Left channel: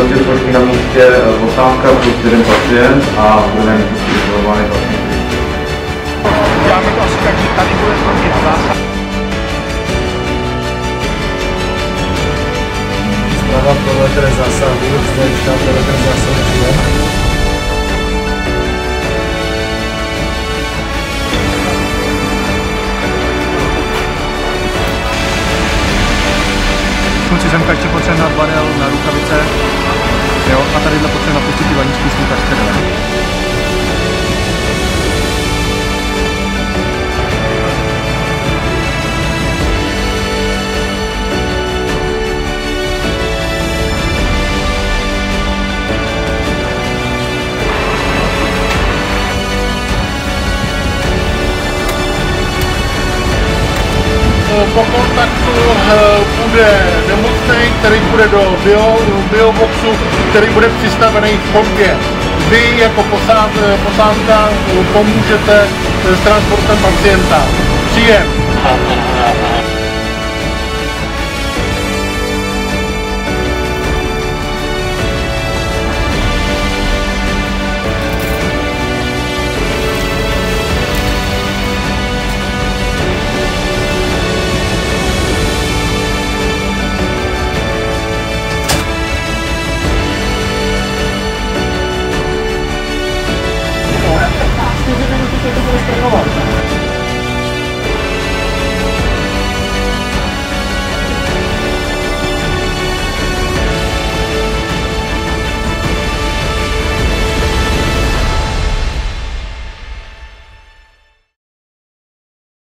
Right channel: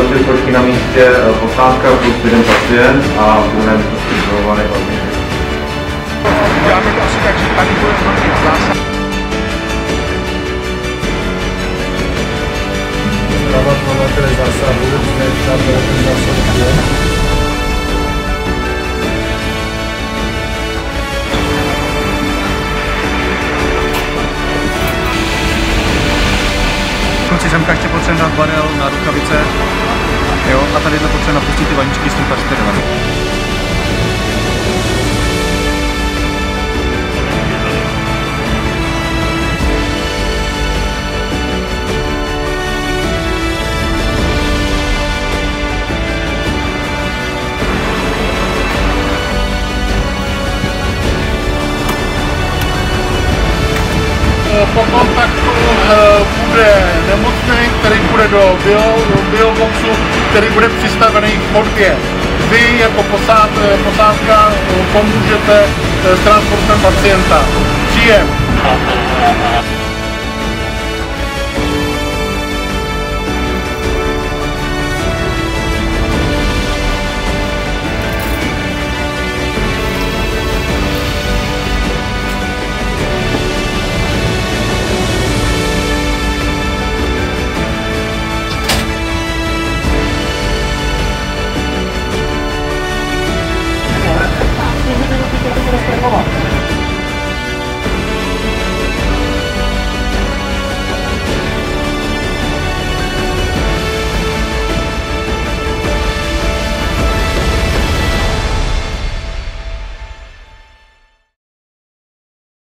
další svorky na místě, posádka plus jeden pacient a v druhém místnosti izolovaný pacient. Děláme to asi tak, že tady bude probíhat zásah. Zprava provedere zásahu, zde štáb provedere zásahu je. Kluci, semka ještě potřebujeme dát barel na rukavice, jo, a tady potřebujeme napustit ty vaničky s tím kasterem. Po kontaktu bude nemocný, který bude do bioboxu, který bude přistavený v chodbě. Vy jako posádka pomůžete s transportem pacienta. Příjem.